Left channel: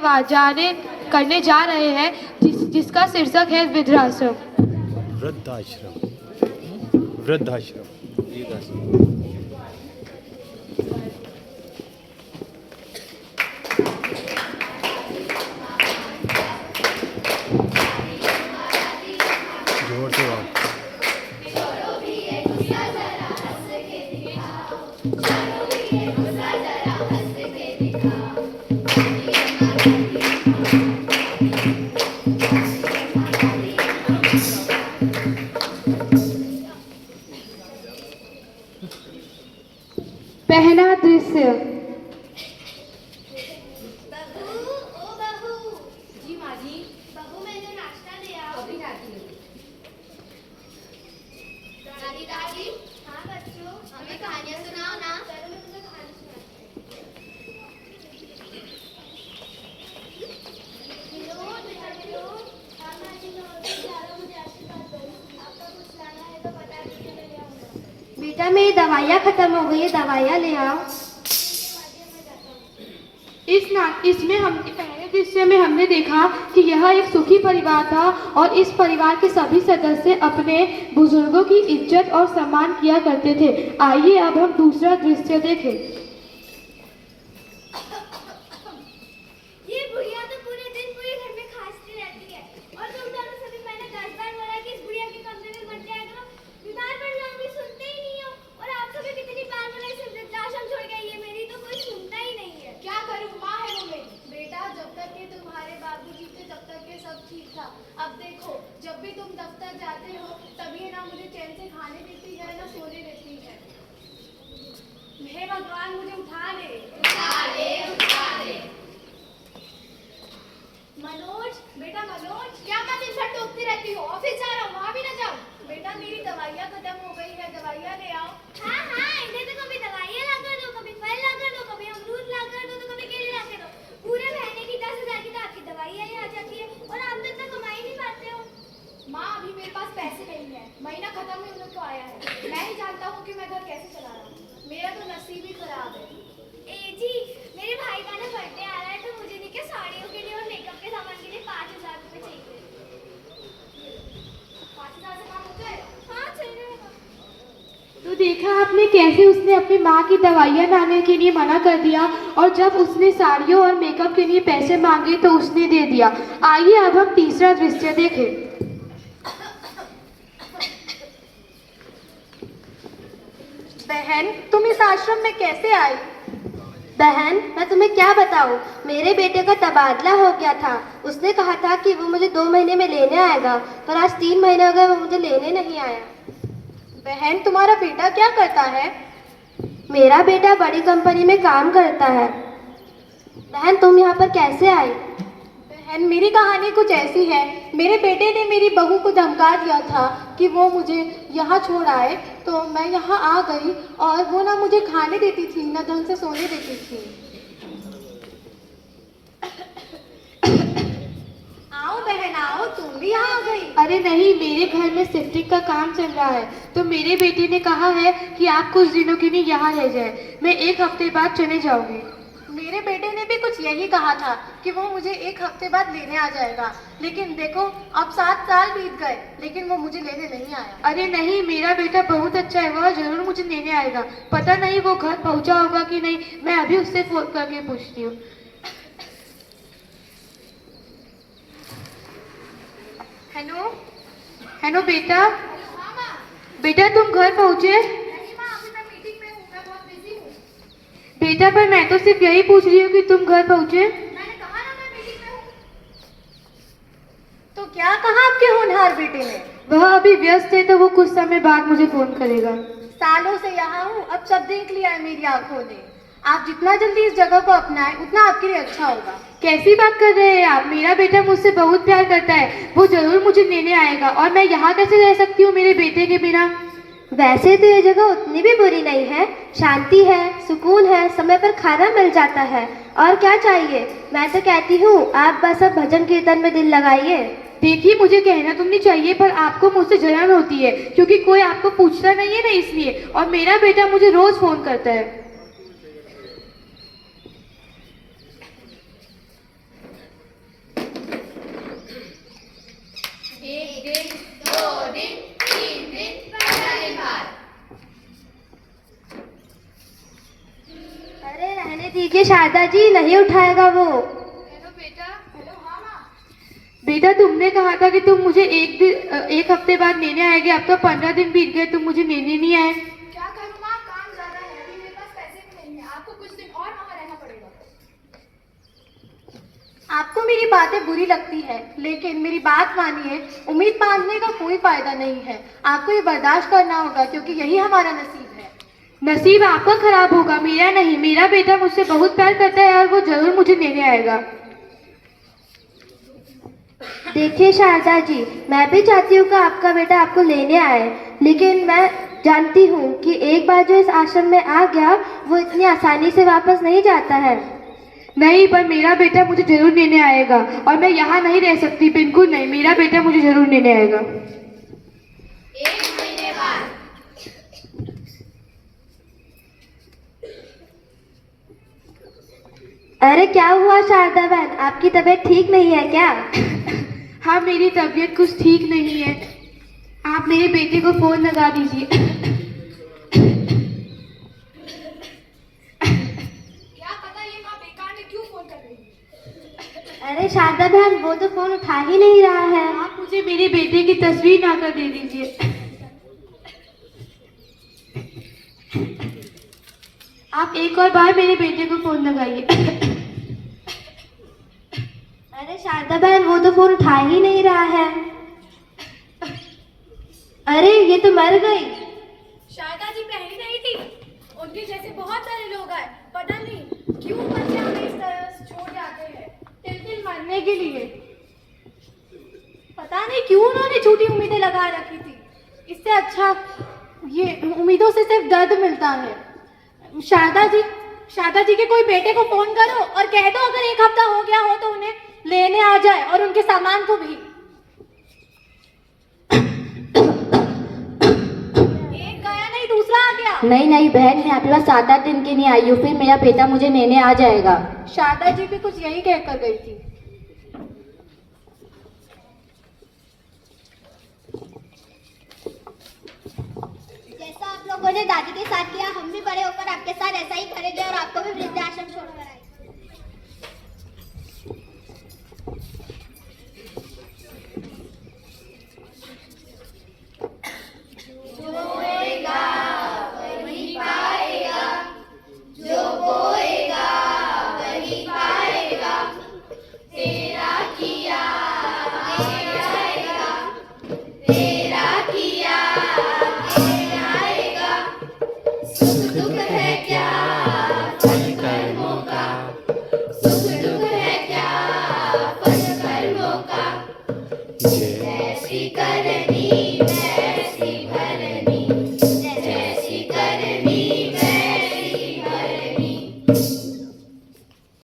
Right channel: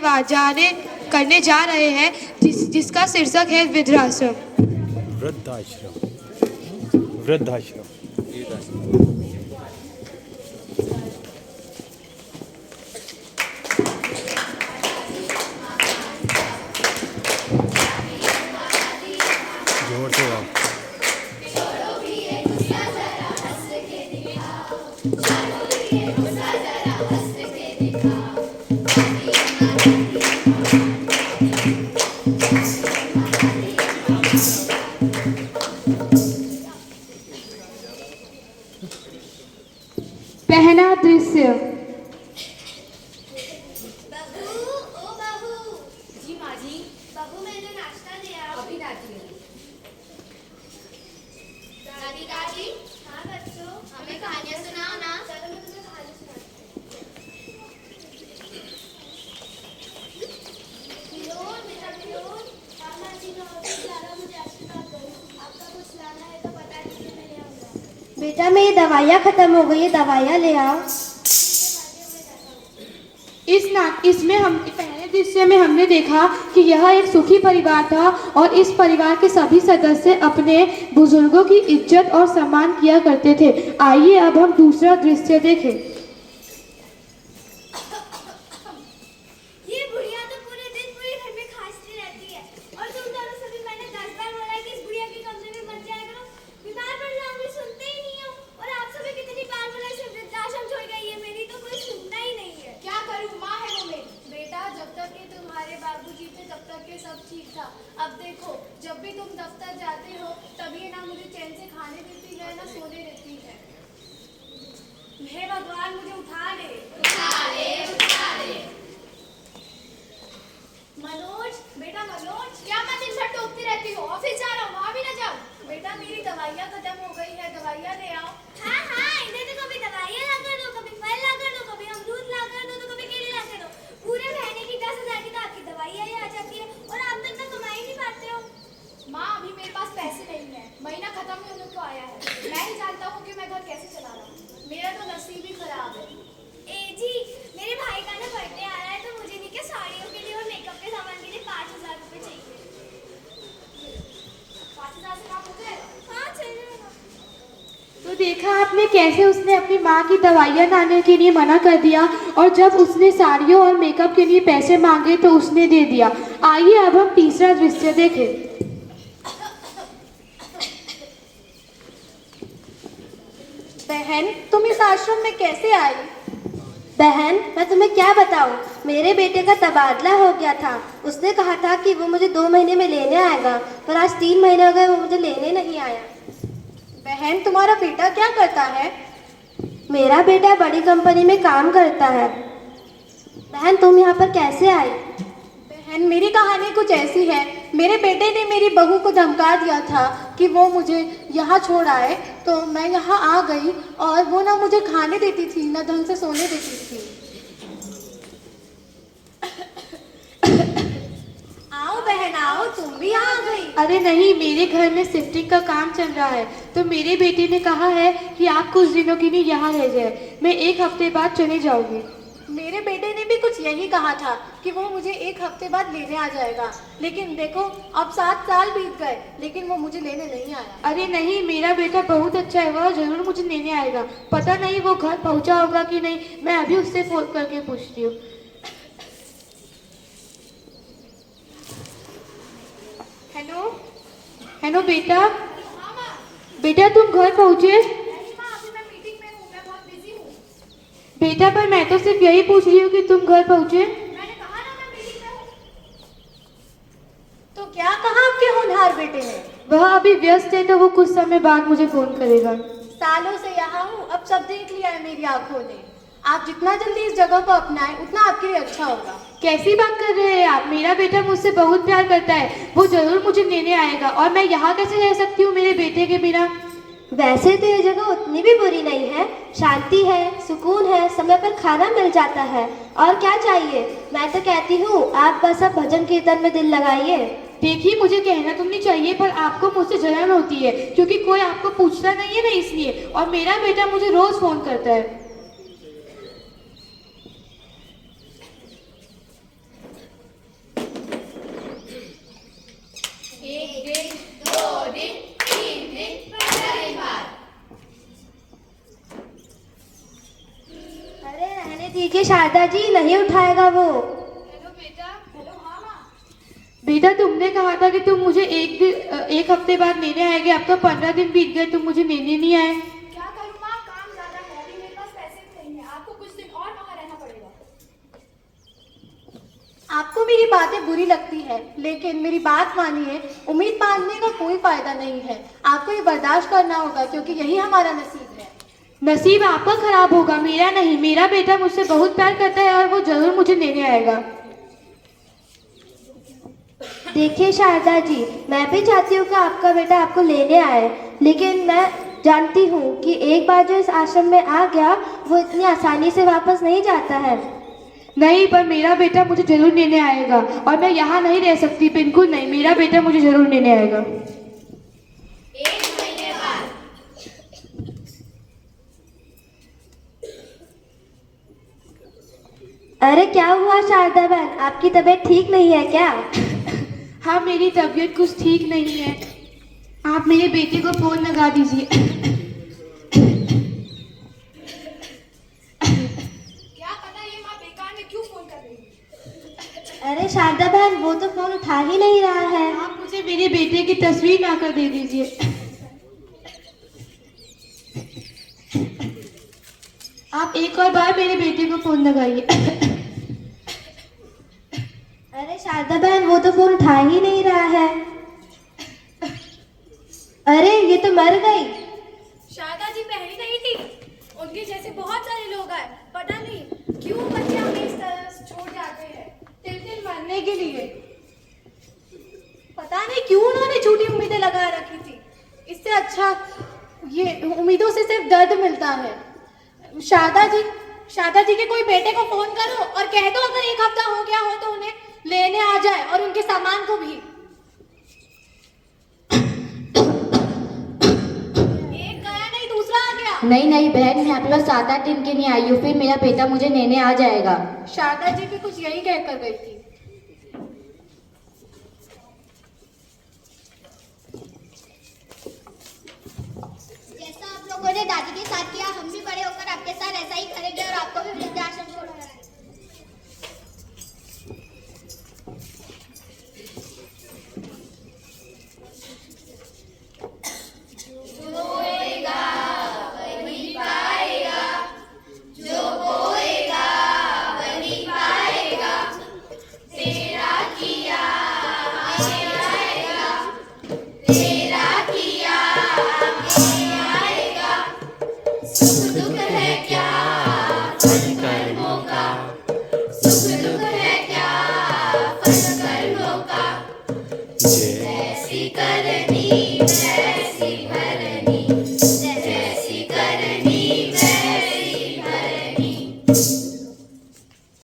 जाने करने जा रहे हैं जिसका शीर्षक है वृद्धाश्रम। वृद्धाश्रम। वृद्धाश्रम। जोर से आओ। पहला दृश्य। बहू, ओ बहू। जी माँ जी। बहू मैंने नाश्ता दिया। अभी लाती हूँ। दादी दादी। हाँ बच्चों। हमें कहानियाँ सुनाओ ना। चलो मैं तुम्हें कहानी सुनाती हूँ। बेटा विनोद, हाँ माँ जी मैं ऑफिस जा रहा हूँ, मुझे आशीर्वाद दो। आपका कुछ लाना है तो बता दीजिए, मैं ले आऊँगा। बेटा मेरी दवाइयाँ खत्म हो गई है, दवाइयाँ ले आओ। इसमें हम पहले दृश्य में हमने देखा कि यह एक सुखी परिवार था और इस परिवार के सभी सदस्य अपने बुजुर्गों की इज्जत और सम्मान किया करते थे। आइए अब हम दूसरा दृश्य देखें। ये बुढ़िया तो पूरे दिन पूरे घर में खांसती रहती है और तुम दोनों सभी मैंने 10 बार बोला है कि इस बुढ़िया के कमरे में मत जाया करो, बीमार पड़ जाऊंगी, सुनते ही नहीं हो। और आप सभी कितनी बार बोला इसे वृद्धाश्रम छोड़ गई है, मेरी तो कोई सुनता ही नहीं है। क्या करूं, माँ है वो मेरी। बेटा जब तक के तुम्हारे बाबूजी थे तब तक के सब ठीक था। अब देखो जब भी तुम दफ्तर जाते हो तब ये ना मुझे चैन से खाने देती है ना सोने देती है। हे भगवान मुझे उठा ले, उठा ले, उठा ले। मनोज, बेटा मनोज, क्या मैं दिन भर टोकती रहती हूँ, ऑफिस जा रहा हूँ, वहाँ भी ना जाऊँ। बेटा मेरी दवाइयाँ खत्म हो गई है, दवाइयाँ ले आओ। हाँ हाँ, इधर तो कभी दवाइयाँ ला कर दो, कभी फल ला कर दो, कभी अमरूद ला कर दो, तो कभी केले ला कर दो। पूरे महीने की 10,000 की तो आपकी दवाइयाँ ही आ जाती है और आप तक तो कमा ही नहीं पाते हो। माँ अभी मेरे पास पैसे नहीं है, महीना खत्म ही होने को आया है। मैं ही जानता हूँ कि मैं घर कैसे चला रहा हूँ, मेरा तो नसीब ही खराब है। ए जी, मेरे भाई का ना बर्थडे आ रहा है तो मुझे नहीं क्या साड़ियों के लिए और मेकअप के सामान के लिए 5,000 रुपए चाहिए। 5,000 से काम हो जाएगा? हाँ चल जाएगा। तो देखा आपने कैसे उसने अपनी माँ की दवाइयाँ लाने के लिए मना कर दिया और जब उसने साड़ियों और मेकअप के लिए पैसे मांगे तो उसने दे दिया। आइए अब हम तीसरा दृश्य देखें। बहन तुम इस आश्रम में कैसे आई? बहन मैं तुम्हें क्या बताऊं, मेरे बेटे का तबादला हो गया था। उसने कहा था कि वो मुझे 2 महीने में लेने आएगा, पर आज 3 महीने हो गए वो मुझे लेने नहीं आया। बहन तुम्हारा बेटा क्या करता है? मेरा बेटा बड़ी कंपनी में काम करता है। बहन तुम यहाँ पर कैसे आई? बहन मेरी कहानी कुछ ऐसी है, मेरे बेटे ने मेरी बहू को धमका दिया था कि वो मुझे यहाँ छोड़ आए, तो मैं यहाँ आ गई और वो ना मुझे खाने देती थी ना ढंग से सोने देती थी। आओ बहन आओ, तुम भी यहाँ आ गई। अरे नहीं, मेरे घर में शिफ्टिंग का काम चल रहा है तो मेरे बेटे ने कहा है कि आप कुछ दिनों के लिए यहाँ रह जाए, मैं 1 हफ्ते बाद चले जाऊंगी। मेरे बेटे ने भी कुछ यही कहा था कि वो मुझे 1 हफ्ते बाद लेने आ जाएगा, लेकिन देखो अब 7 साल बीत गए लेकिन वो मुझे लेने नहीं आया। अरे नहीं, मेरा बेटा बहुत अच्छा है, वह जरूर मुझे लेने आएगा। पता नहीं वो घर पहुंचा होगा कि नहीं, मैं अभी उससे फोन करके पूछती हूँ। हेलो हेलो बेटा, हाँ माँ। बेटा तुम घर पहुंचे? नहीं माँ, अभी मैं मीटिंग में हूँ, मैं बहुत बिजी हूँ। बेटा पर मैं तो सिर्फ यही पूछ रही हूँ कि तुम घर पहुंचे। मैंने कहा ना मैं मीटिंग में हूँ। तो क्या कहा आपके होनहार बेटे ने? वह अभी व्यस्त है तो वो कुछ समय बाद मुझे फोन करेगा। सालों से यहाँ हूँ, अब सब देख लिया है मेरी आंखों ने। आप जितना जल्दी इस जगह को अपनाएं उतना आपके लिए अच्छा होगा। कैसी बात कर रहे हैं आप? मेरा बेटा मुझसे बहुत प्यार करता है, वो जरूर मुझे लेने आएगा और मैं यहाँ कैसे रह सकती हूँ मेरे बेटे के बिना? वैसे तो ये जगह उतनी भी बुरी नहीं है, शांति है, सुकून है, समय पर खाना मिल जाता है, और क्या चाहिए। मैं तो कहती हूँ आप बस अब भजन कीर्तन में दिल लगाइए। देखिए मुझे कहना तो नहीं चाहिए पर आपको मुझसे जलन होती है क्योंकि कोई आपको पूछता नहीं है ना, इसलिए। और मेरा बेटा मुझे रोज फोन करता है। शारदा जी, नहीं उठाएगा वो। हेलो बेटा। हेलो, हाँ माँ। बेटा तुमने कहा था कि तुम मुझे एक हफ्ते बाद लेने आएगे, अब तो 15 दिन बीत गए, तुम मुझे लेने नहीं आए। क्या करूँ माँ, काम ज्यादा है, अभी मेरे पास पैसे भी नहीं है, आपको कुछ दिन और वहाँ रहना पड़ेगा। आपको मेरी बातें बुरी लगती है, लेकिन मेरी बात मानिए, उम्मीद बांधने का कोई फायदा नहीं है। आपको ये बर्दाश्त करना होगा, क्योंकि यही हमारा नसीब है। नसीब आपका खराब होगा, मेरा नहीं। मेरा बेटा मुझसे बहुत प्यार करता है और वो जरूर मुझे लेने आएगा। देखिए शारदा जी, मैं भी चाहती हूँ कि आपका बेटा आपको लेने आए, लेकिन मैं जानती हूँ कि एक बार जो इस आश्रम में आ गया वो इतनी आसानी से वापस नहीं जाता है। नहीं, पर मेरा बेटा मुझे जरूर लेने आएगा और मैं यहाँ नहीं रह सकती, बिल्कुल नहीं। मेरा बेटा मुझे जरूर लेने आएगा। 1 महीने बाद। अरे क्या हुआ शारदा बहन, आपकी तबीयत ठीक नहीं है क्या? हाँ, मेरी तबीयत कुछ ठीक नहीं है। आप मेरे बेटे को फोन लगा दीजिए। क्या पता ये माँ बेकार में क्यों फोन कर रही है। अरे शारदा बहन, वो तो फोन उठा ही नहीं रहा है। आप मुझे मेरे बेटे की तस्वीर लाकर दे दीजिए। आप एक और बार मेरे बेटे को फोन लगाइए। अरे शारदा बहन, वो तो फोन उठा ही नहीं रहा है। अरे ये तो मर गई। शारदा जी पहली नहीं थी, उनके जैसे बहुत सारे लोग आए, पता नहीं क्यों बच्चे हमें इस तरह छोड़ जाते हैं, तिल मरने के लिए। पता नहीं क्यों उन्होंने झूठी उम्मीदें लगा रखी थी। इससे अच्छा ये उम्मीदों से सिर्फ दर्द मिलता है। शारदा जी के कोई बेटे को फोन करो और कह दो अगर 1 हफ्ता हो गया हो तो उन्हें लेने आ जाए, और उनके सामान को भी। एक गया नहीं, दूसरा आ गया। नहीं बहन, मैं आपके पास 7-8 दिन के लिए आई हूँ, फिर मेरा बेटा मुझे लेने आ जाएगा। शारदा जी भी कुछ यही कहकर गई थी। जैसा आप लोगों ने दादी के साथ किया, हम भी बड़े होकर आपके साथ ऐसा ही करेंगे और आपको भी वृद्धाश्रम छोड़कर आएंगे। तेरा किया